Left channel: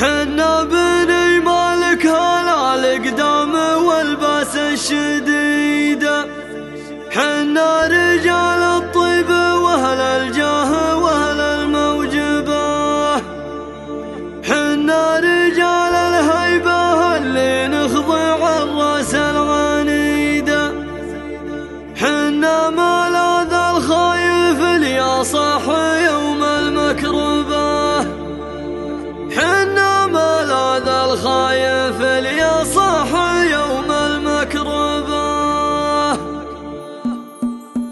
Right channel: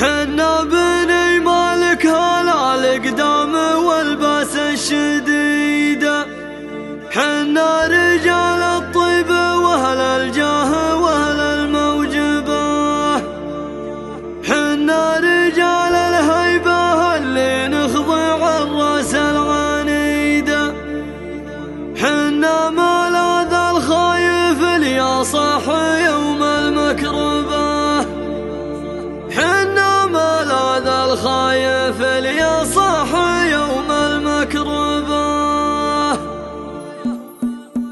حنا بني مالك هلا القدام والباس الشديدة، حنا رجال الطيب واهل الجاه واهل الموجبة، حنا رجال الهيبة اللي نخضع الراس العنيدة، حنا ملاذ الخايف اللي صاح يوم المكربة، حنا ملاذ الخايف اللي صاح يوم المكربة.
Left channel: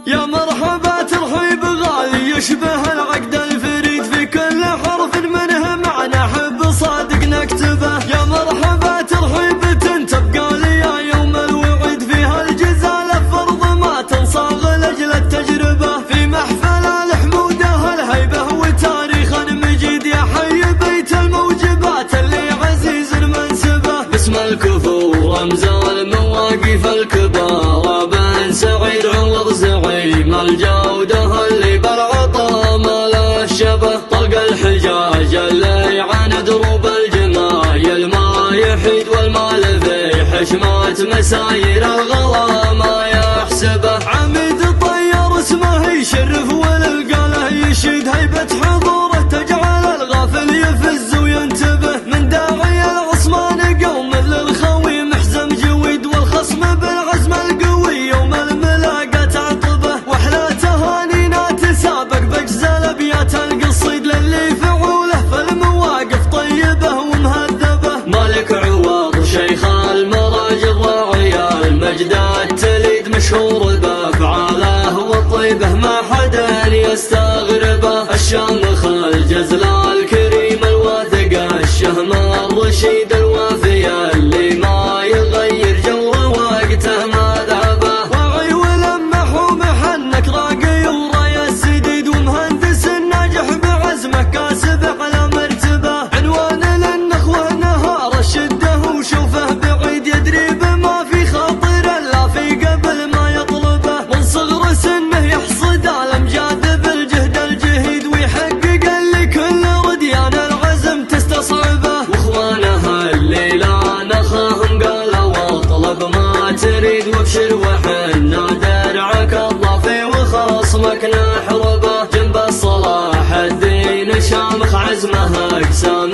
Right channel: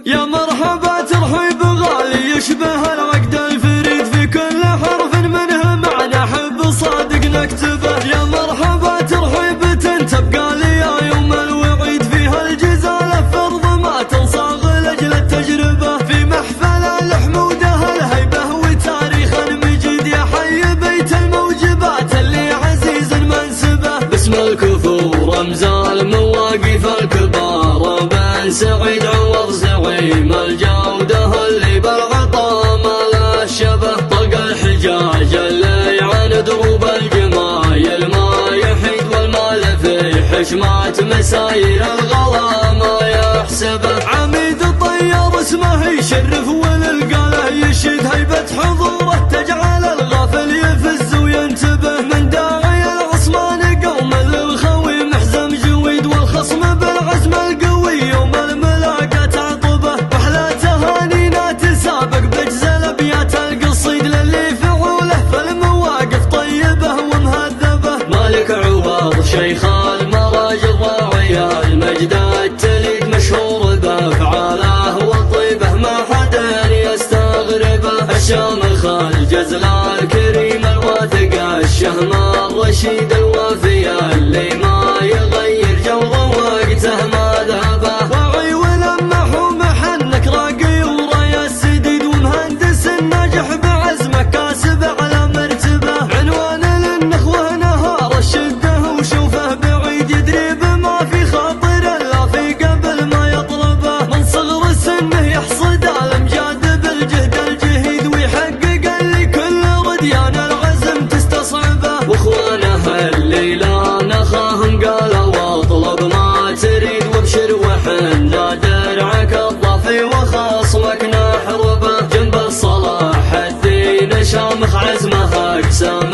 يا مرحبا ترحيب غالي يشبه العقد الفريد، في كل حرف منها معنى حب صادق نكتبه. يا مرحبا ترحيب تبقى لي يوم الوعيد، فيها الجزالة فرض ما تنصاغ لأجل التجربة، في محفل الحمودة الهيبة وتاريخ المجيد، يا حي بيت الموجبات اللي عزيز المنسبة، باسم الكفور رمز المواقف الكبار، بن سعيد عوض زعيم الجودة اللي بالعطا ما لا شبه، طلق الحجاج اللي عن دروب الجمايل ما يحيد، والمال في حشمات مساير الغلا ما يحسبه، عميد الطيار اسمه يشرف والقلة يشيد، هيبة حضوره تجعل الغافل يفز وينتبه، من داعي العصبان قوم للخوي محزم جويد، والخصم بالعزم القوي يوم الملاقات عطبه، واحلى تهانينا تسابق بجز الابيات القصيد، اللي فعوله في المواقف طيبه ومهذبه، مالك عوض شيخ المراجل راعي المجد التليد، مشهور بافعاله وطيبه ما حدا يستغربه، الشامخ الجزل الكريم الواثق الشهم الرشيد الوافي اللي ما يغير جوره وقته مذهبه، واعي ولمح ومحنك راقي وراي السديد، ومهندس ناجح بعزمه كاسب على مرتبه، عنوان للنخوه نهار الشده وشوفه بعيد، يدري بما في خاطره لا في قبل ما يطلبه، من صغر سنه يحصد الامجاد بالجهد الجهيد، ويحقق لكل رديان العزم تستصعبه، واخوانه الليله نخاهم قالوا واطلب ما تريد، وابشر وحنا درعك الضافي وخصمك نحربه، جنب الصلاح الدين شامخ عزمه اقسام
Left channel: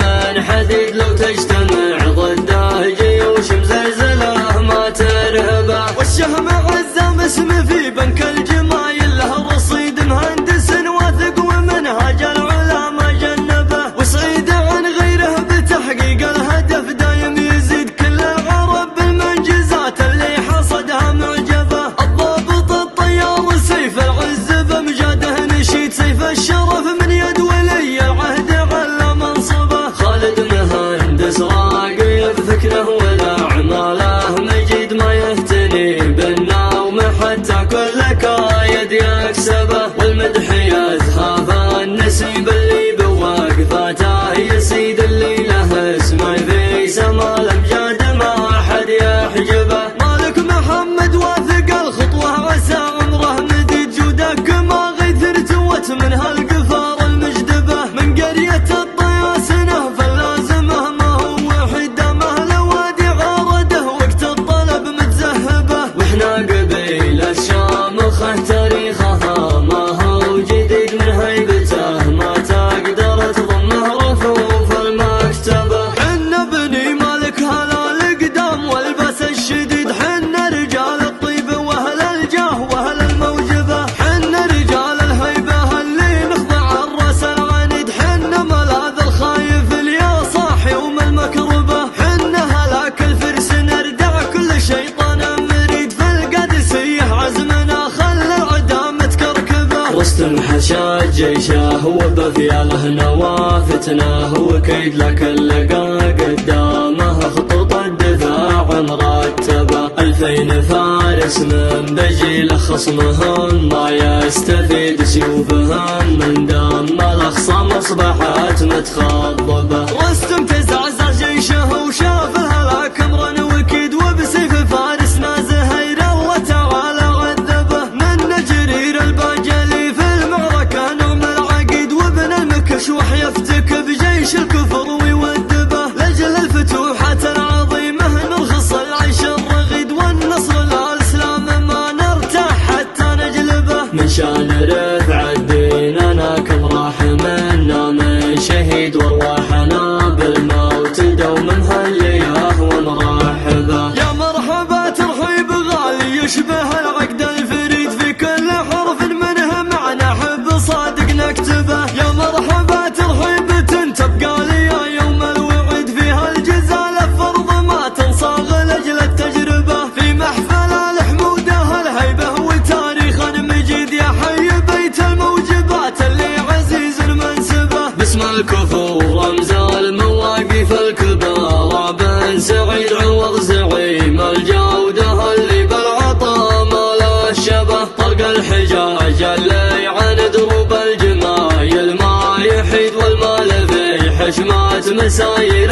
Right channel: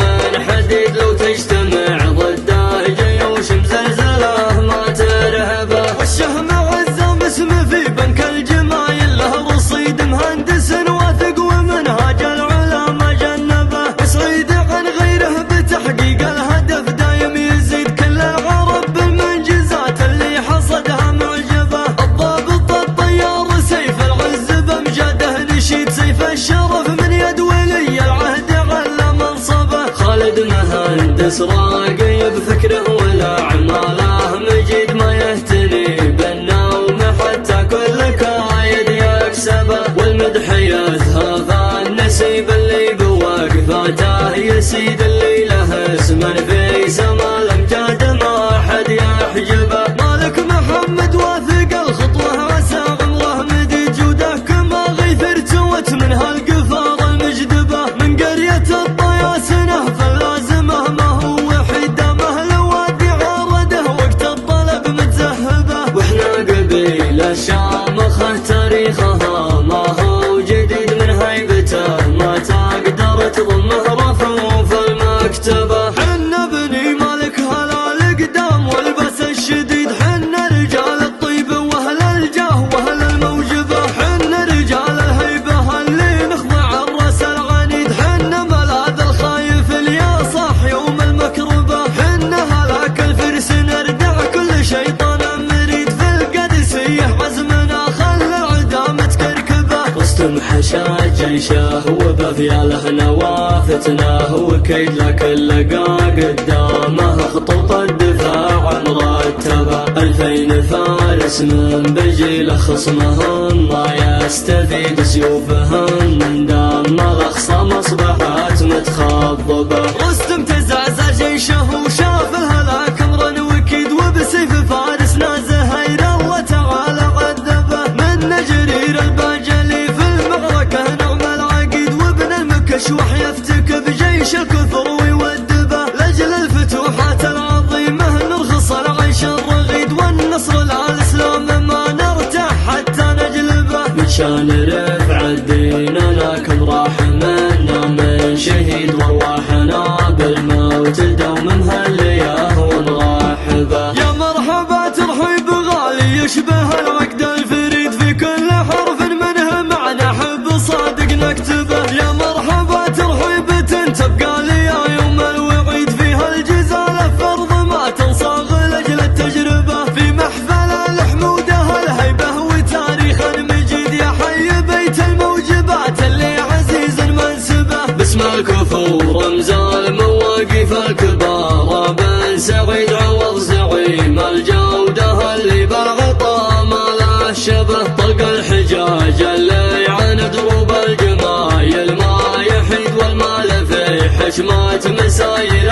حديد، لو تجتمع ضده جيوش مزلزله ما ترهبه، والشهم عزم اسمه في بنك الجمايل له رصيد، مهندس واثق ومنهاج العلا ما جنبه، وسعيد عن غيره بتحقيق الهدف دايم يزيد، كل عرب بالمنجزات اللي حصدها معجبه، الضابط الطيار سيف العز بمجاده نشيد، سيف الشرف من يد ولي العهد على منصبه، خالد مهندس راقي بفكره والاعماله مجيد، ما يهتني بالنوم حتى كل كايد يكسبه، والمدح يذهب النسيب اللي بوقفاته يسيد، اللي له اسم في سما الامجاد ما حد يحجبه، مالك محمد واثق الخطوه عسى عمره مديد، جوده كما غيث ارتوت من هالقفار المجدبه، من قريه الطياسنه فلازمه ما هو وحده، مهل وادي عرده وقت الطلب متزهبه، واحنا قبيل الشامخ تاريخها ما هو جديد، من هيبته ما تقدر تضمه رفوف المكتبه، حنا بني مالك هلا القدام والباس الشديد، حنا رجال الطيب واهل الجاه واهل الموجبه، حنا رجال الهيبه اللي نخضع الراس العنيد، حنا ملاذ الخايف اللي صاح يوم المكربه، حنا هلاك الفرس نردع كل شيطان مريد، في القادسيه عزمنا خلى العدا متكركبه، رستم حشا جيشه وبفياله نوافتنا، وكيد لكل لقى قدامه خطوط الدفاع مرتبه، 2000 فارس من بجيل خصمهم ما يستفيد سيوفهم، من دام الاخصام اصبحت متخضبه، رستم تزعزع جيشه وشاف الهلاك امرا وكيد، وبسيف فارس نازه الى الله تعالى عذبه، من جرير البجلي في المعركه نعم العقيد، وابن المكشوح يفتك بجيش الكفر ويودبه،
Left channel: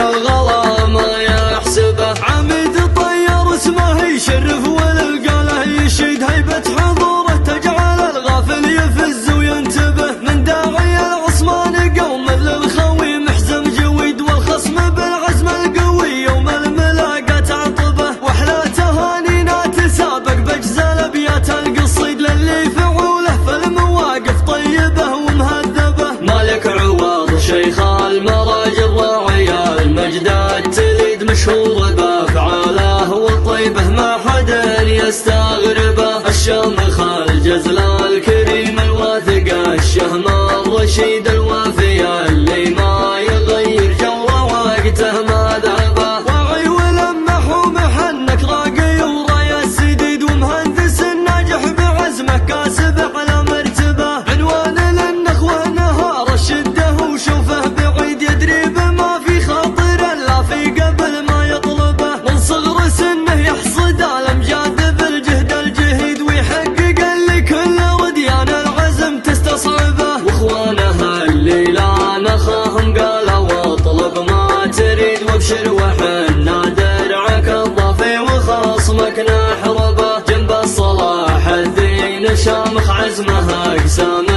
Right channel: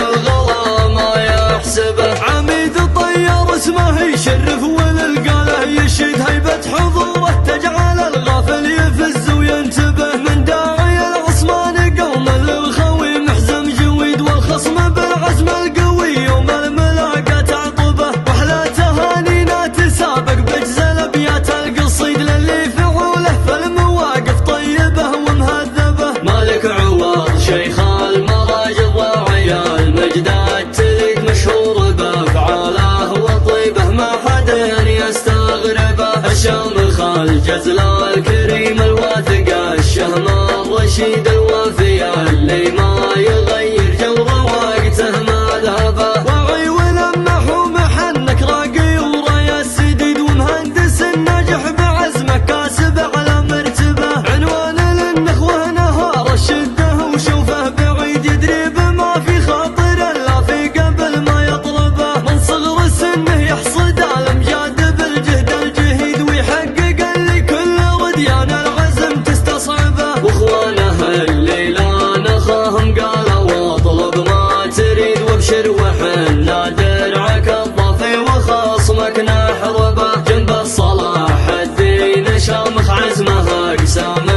الغلا ما يحسبه. عميد الطير اسمه يشرف وللقاله يشيد هيبة حضوره تجعل الغافل يفز وينتبه. من داعي العصمان قوم للخوي محزم جويد والخصم بالعزم القوي يوم الملاقات عقبه. واحلى تهانينا تسابق بجز الابيات القصيد اللي فعوله في المواقف طيبه ومهذبه. مالك عوض شيخ المراجل وعيا المجدات تليد مشهور بافعاله وطيبه ما حدا يستغربه. الشامخ الجزل الكريم الواثق الشهم الرشيد الوافي اللي ما يغير جو وقته مذهبه. وعي ولمح ومحنك راقي ورايا السديد ومهندس الناجح بعزمه كاسب على مرتبه. عنوان للنخوه نهار الشده وشوفه بعيد يدري بما في خاطره لا في قبل ما يطلبه. من صغر سنه يحصد الامجاد بالجهد الجهيد ويحقق اللي كل وديان العزم تستصعبه. واخوانه اللي لا نخاهم قالوا واطلب ما تريد وابشر وحنا درعك الضافي وخصمك نحربه. جنب الصلاح الدين شامخ عزمه اقسام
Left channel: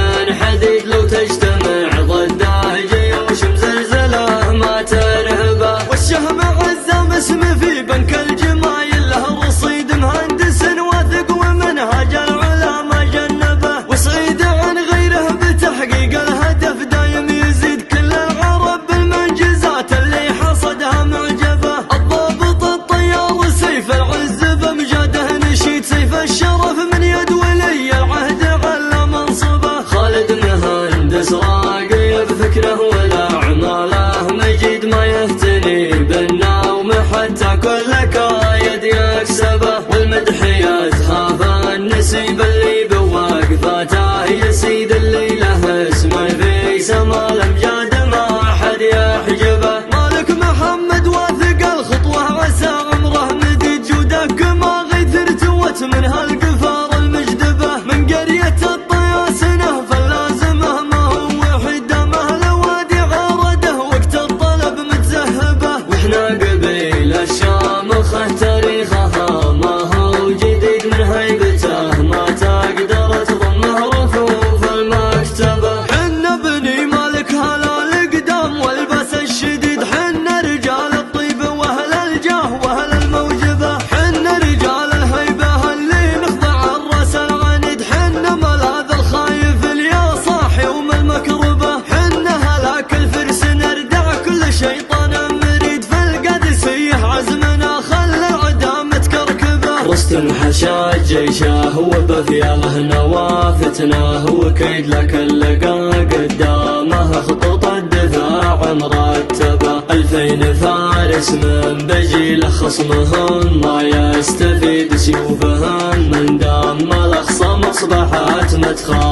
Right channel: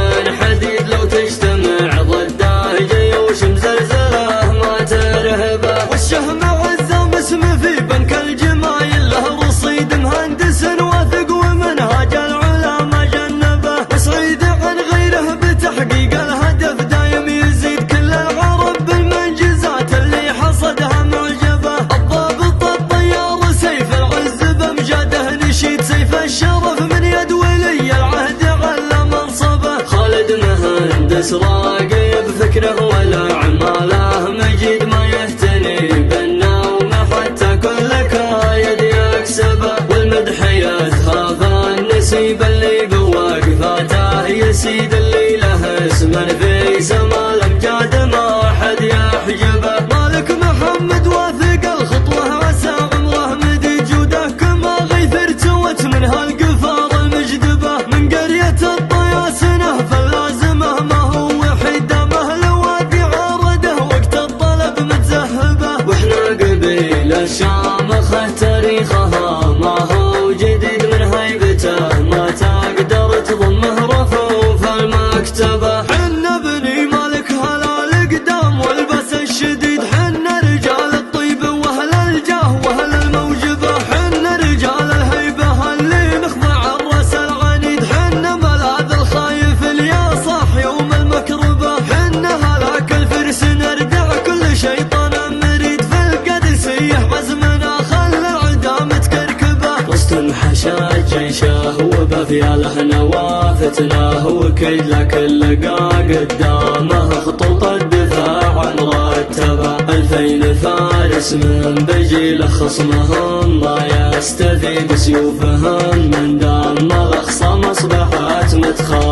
حديد لو تجتمع ضده جيوش مزلزله ما ترهبه. والشهم عزه باسم في بنك الجمايل له رصيد مهندس واثق ومنهج العلا ما جنبه. وسعيد عن غيره بتحقيق الهدف دايم يزيد كل العرب بالمنجزات اللي حصدها معجبه. الضابط الطيار سيف العز بمجاده نشيد سيف الشرف من يد ولي العهد على منصبه. خالد مهندس راقي بفكره والاعماله مجيد ما يهتني بالنوم حتى كل كايد يكسبه. والمدح يزخاف النسيب اللي بوقفاته يسيد اللي له اسم في سما الامجاد ما حد يحجبه. مالك محمد واثق الخطوه عسى عمره مديد جوده كما غيث ارتوت من هالقفار المجدبه. من قريه الطياسنه فلازمه ما هو وحيد مهله وادي عرده وقت الطلب متزهبه. واحنا قبيل الشامخ تاريخها ما هو جديد من هيبته ما تقدر تضمه رفوف المكتبه. حنا بني مالك هلال قدام والبس الشديد. حنا رجال الطيب واهل الجاه واهل الموجبه. حنا رجال الهيبه اللي نخضع الراس العنيد. حنا ملاذ الخايف اللي صاح يوم المكربه. حنا هلاك الفرس نردع كل شيطان مريد. في القادسيه عزمنا خلى العدا متكركبه. رستم حشاد جيشه وبفياله نوافتناه وكيد لك اللقا قدامه. خطوط الدفاع مرتبه 2000 فارس من بجيله خصمهم ما يستفيد سيوفهم. من دام الأخصام أصبحت متخاذة